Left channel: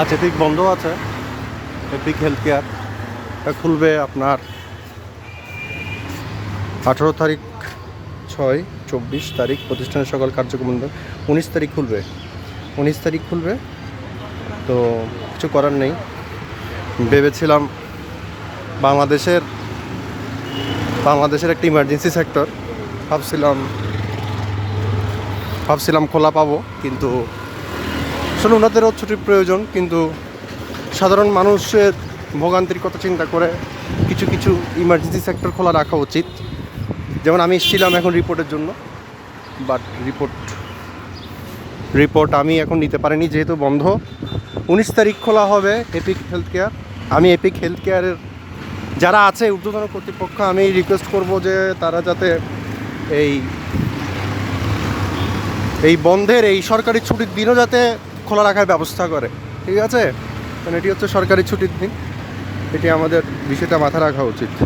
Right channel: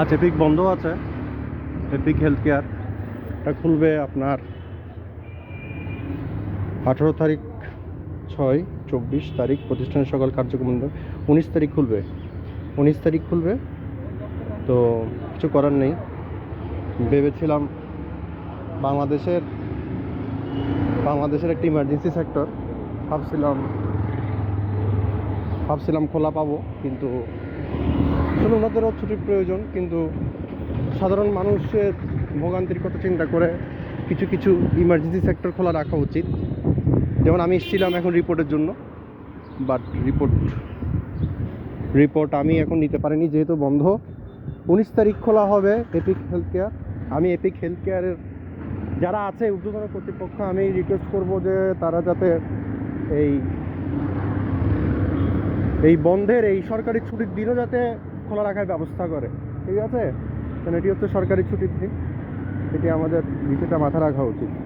আচ্ছা এপিক বন্ধ আছে। এপিক হেলথ কেয়ার খুলবে আপনার আঠেরো তারিখ ছয়, চব্বিশ তারিখ, প্রতিষ্ঠানের সকল কার্যক্রম বন্ধ। উনিশ তারিখ খুলবে। উনিশ তারিখ খুলবে। তো কিছু করার নেই। ভেবেছিলাম বাংলাদেশের বাংলাদেশের একটা ইমার্জেন্সি সেক্টর ভাবছিলাম ভাবছিলাম খোলা পাবো, কিন্তু আসলে ওনাদেরও ছুটির প্রয়োজন, কিন্তু সাধারণ মানুষের ভোগান্তির কথা চিন্তা করে কিছু কিছু ইমার্জেন্সি সেক্টর খোলা রাখা উচিত। যেমন আমি এসেছিলাম এখন রিপোর্টের জন্য বাট রিপোর্ট রিপোর্ট আমি এখন নিতে পারিনি যেহেতু বন্ধ। উনিশ তারিখ খোলা হবে এপিক হেলথ কেয়ার আমি এপিক হেলথ কেয়ারের যারা আছে, ঊর্ধ্বতন কর্তৃপক্ষ, আমি রিকোয়েস্ট করব যে তারা যাতে এই এই বন্ধের, এই সরকারি ছুটির দিনও যাতে খোলা রাখার ব্যবস্থা করে। ঠিক আছে? কারণ এটি হচ্ছে সরকারি ছুটির দিন। এটি আমাদের বিষয়টা মাথা রাখা উচিত।